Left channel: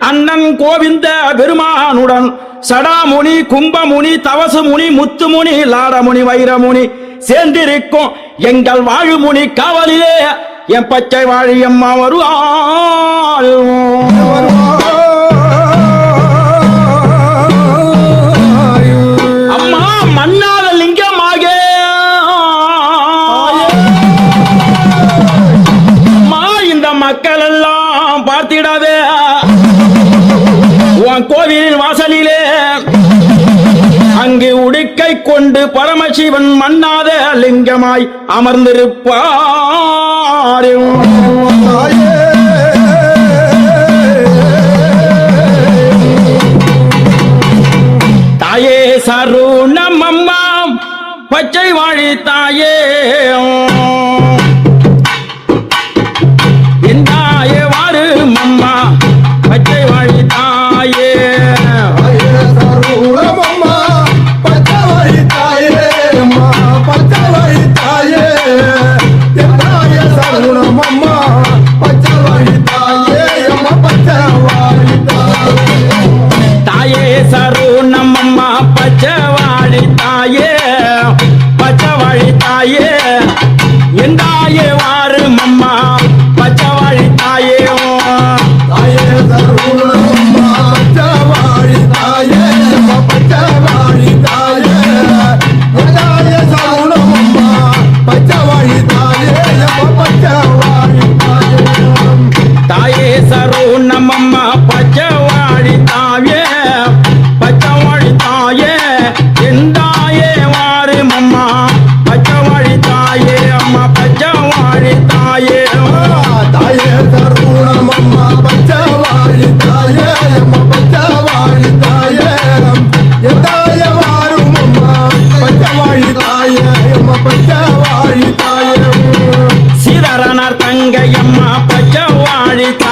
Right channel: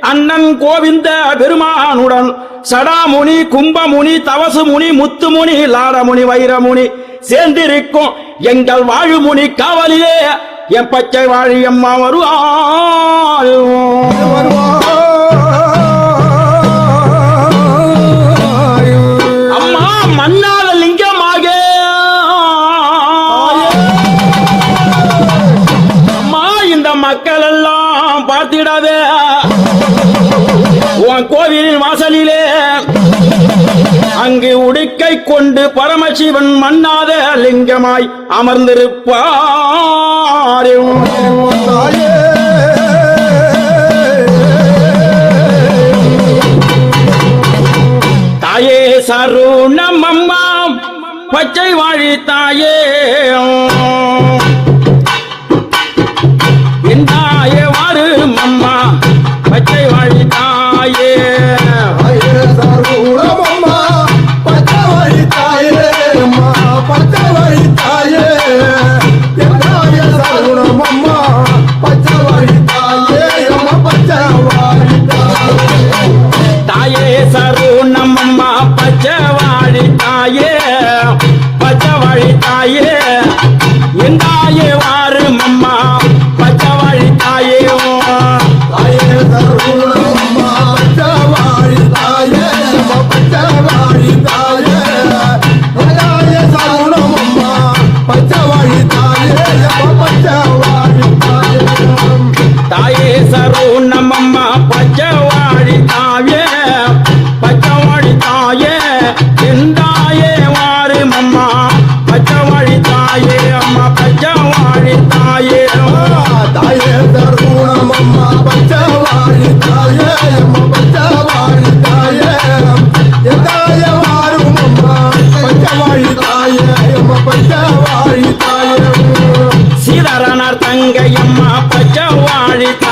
அண்ணன் கோவிந்த பெருமானுடன் சடாமுனி கும்பமுனி தவசமுனி முத்துமுனி லாரமுனி வைரமுனி சேர்ந்திருக்கும் எங்கள் வாழுமுனி காவலிலே. என் பச்சை வாழியம்மா வருவா மக்கள் பார்த்திடாத. உன் கோவில் வாசலிலே அங்கே உடுக்கை கொண்டு பரமசிவன் மண்ணாத லிங்கமாய் அமர்ந்திருப்பார். I you are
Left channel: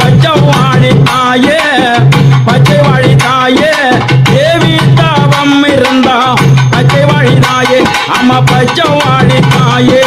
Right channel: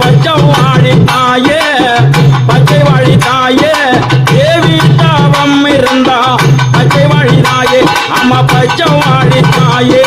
பச்சைவாடி தாயே பச்சைவாடி தாயே தேவி தாவம் இருந்தா பச்சைவாடி தாயே அம்மா பச்சைவாடி தாயே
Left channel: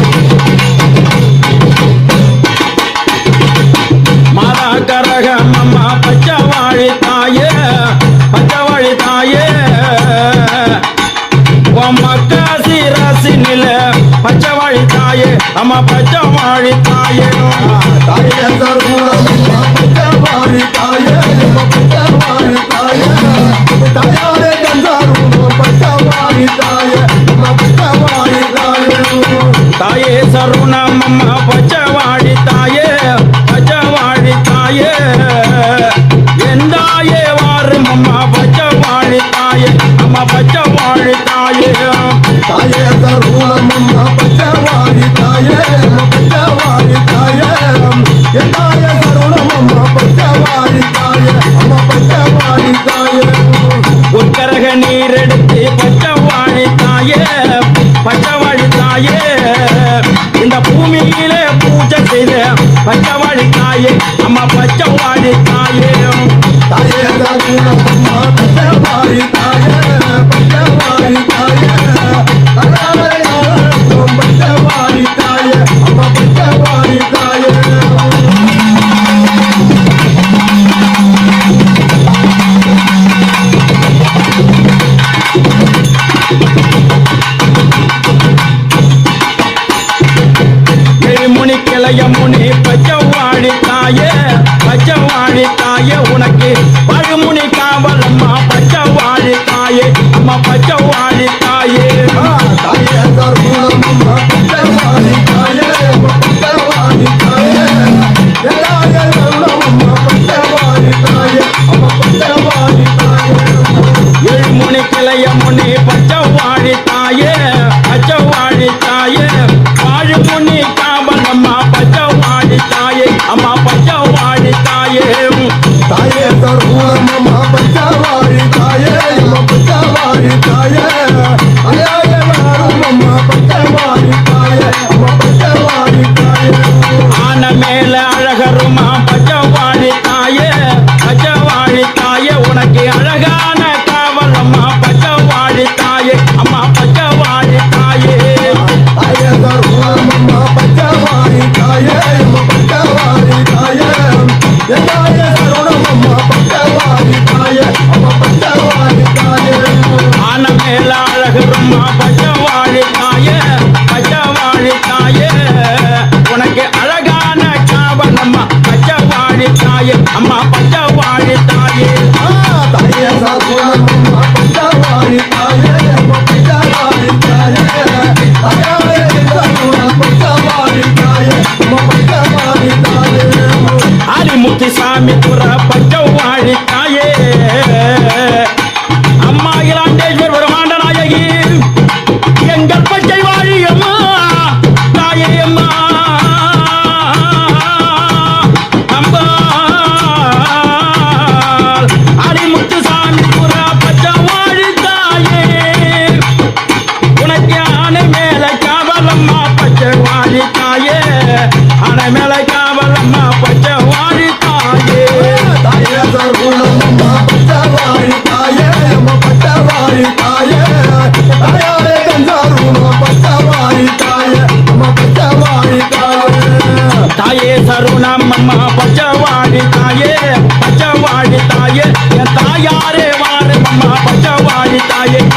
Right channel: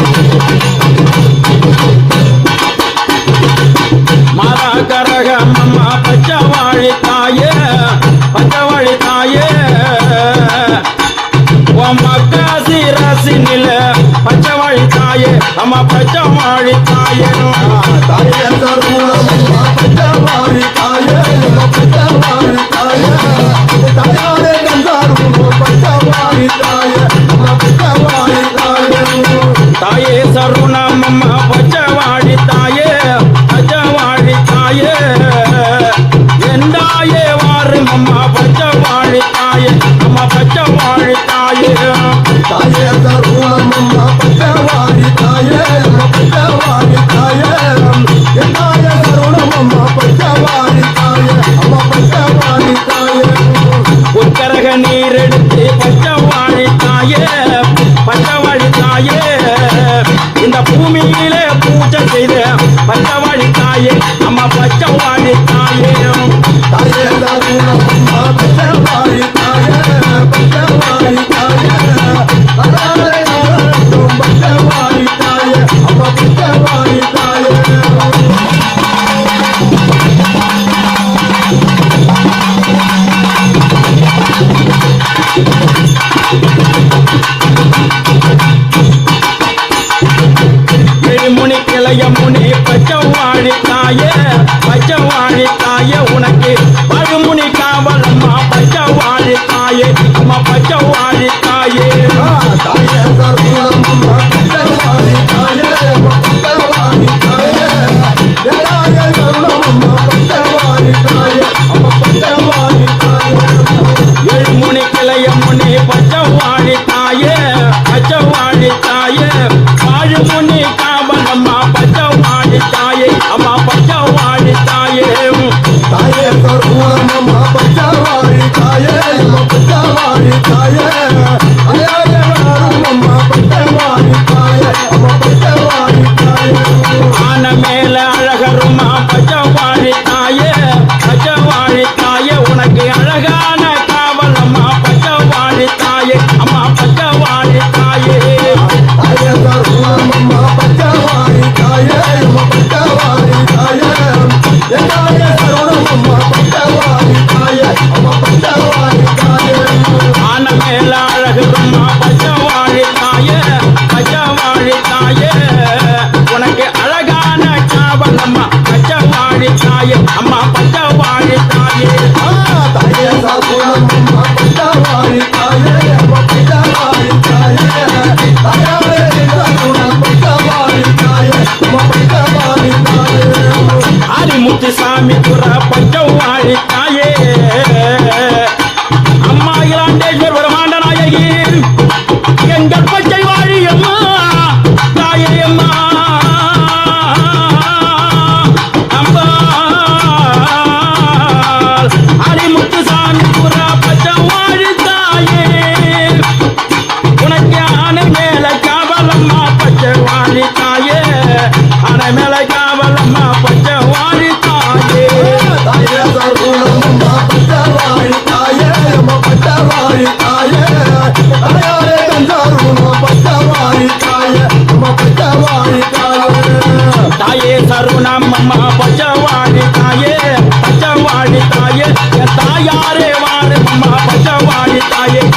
தாழி தாயினும் தாயந்த